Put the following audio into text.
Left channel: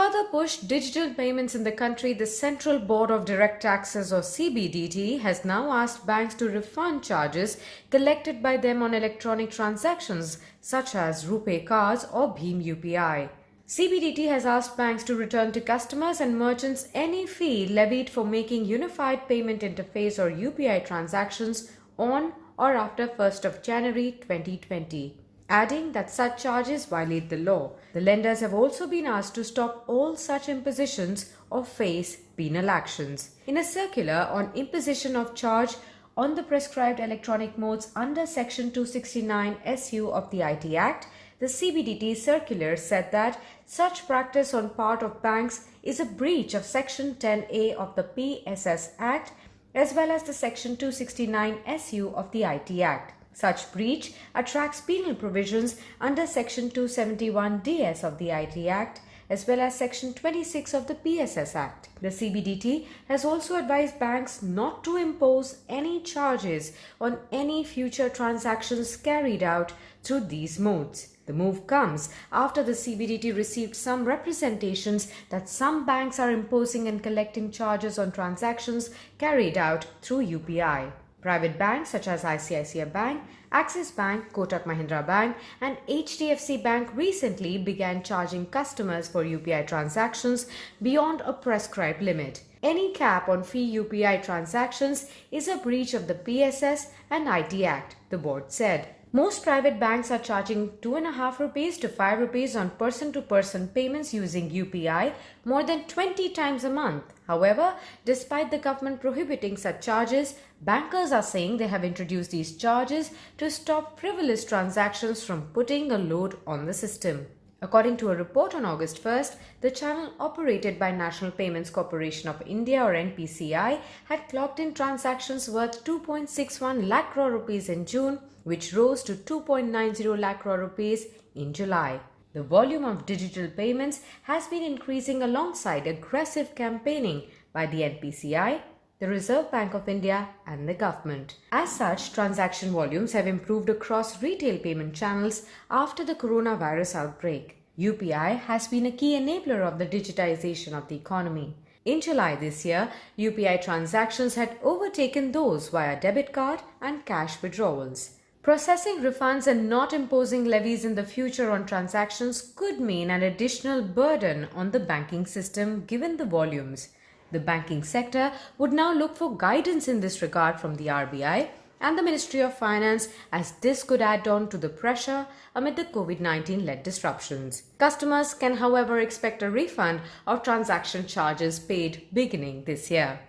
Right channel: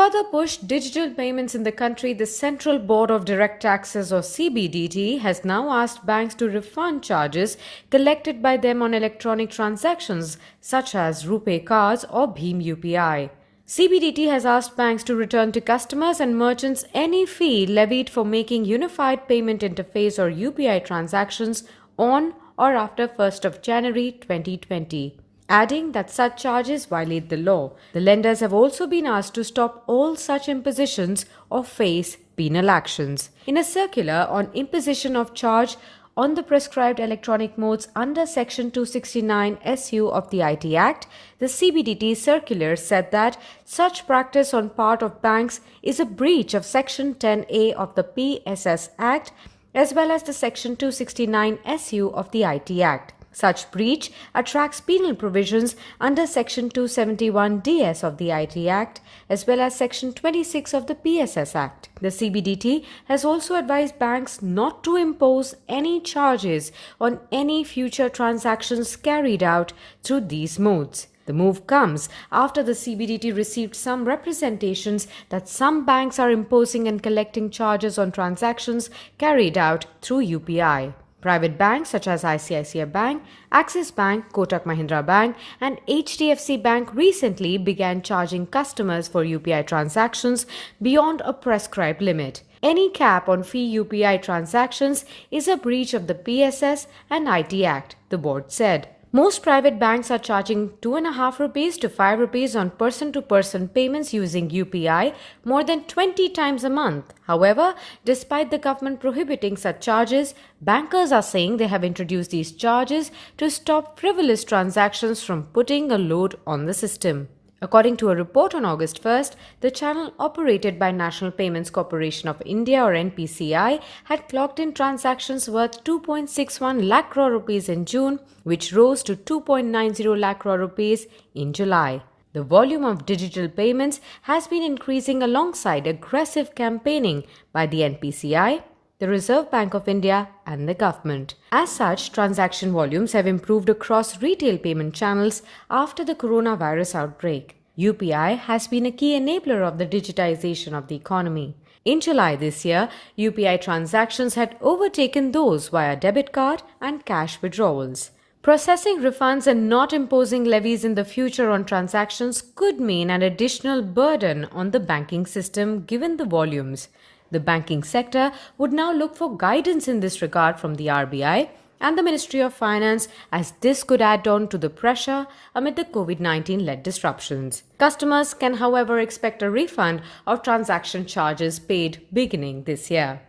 further push digital payments in the country, the Central Board of Direct Taxes or CBDT has now asked banks to refund charges collected by them on electronic transactions such as RuPay cards or BHIM-UPI. CBDT has asked banks to return to customers and merchants any fee levied for making Unified Payment Interface or UPI transactions on or after 1st of January 2020. Adding that such charges violate the law. The lenders have also been asked to stop all such impositions or face penal actions. In a circular on imposition of charge on the prescribed electronic modes under Section 269 SU of the IT Act, the CBDT circular said that such practice on part of banks is a breach of Section 10A of the PSS Act as well as the Section 269 SU of the IT Act. Such breach attracts penal provisions under Section 271 DS of the IT Act as well as Section 26 of the PSS Act. The CBDT has also advised banks not to impose any charges on any future transactions carried out through these modes. The move comes after the CBDT received some representations that some banks are imposing and collecting charges on transactions carried out through UPI. Private banks such as ICICI Bank, Axis Bank, Kotak Mahindra Bank and HDFC Bank recently began charging customers for UPI transactions beyond a prescribed limit. Any cap on fee UPI transactions is a breach of the PSS and IT Act, the board said. Most private banks are charging 2.5 rupees to 5 rupees on person-to-person payments using UPI more than 20 times a month. However, despite the government prohibiting such charges, bankers are saying they have introduced these charges to stop frivolous transactions from putting a load on the system. According to a report on August 1st, the channel operated by National Payments Corporation of India or NPCI had clocked in transactions worth 2.61 lakh crore rupees in June, which rose to 2.90 lakh crore rupees in July. The volume of digital payments has been increasing alongside aggressive campaigning by the NPCI, the Reserve Bank of India and the government. As such, transaction volumes have improved across retail payment channels after the coronavirus outbreak. UPI has been a key enabler of the digitization of the economy. In July this year, UPI transactions had overtaken those via debit card and cash withdrawals. Processing refunds and not imposing levies in the future on transactions could mean an additional burden on the banking system given the volumes. The banking sector would now look for guidance in this regard from the RBI and the Ministry of Finance, as this could add on to the pressure amid the COVID-19-led disruptions. Customers can, however, expect a refund of transaction charges paid beginning this year.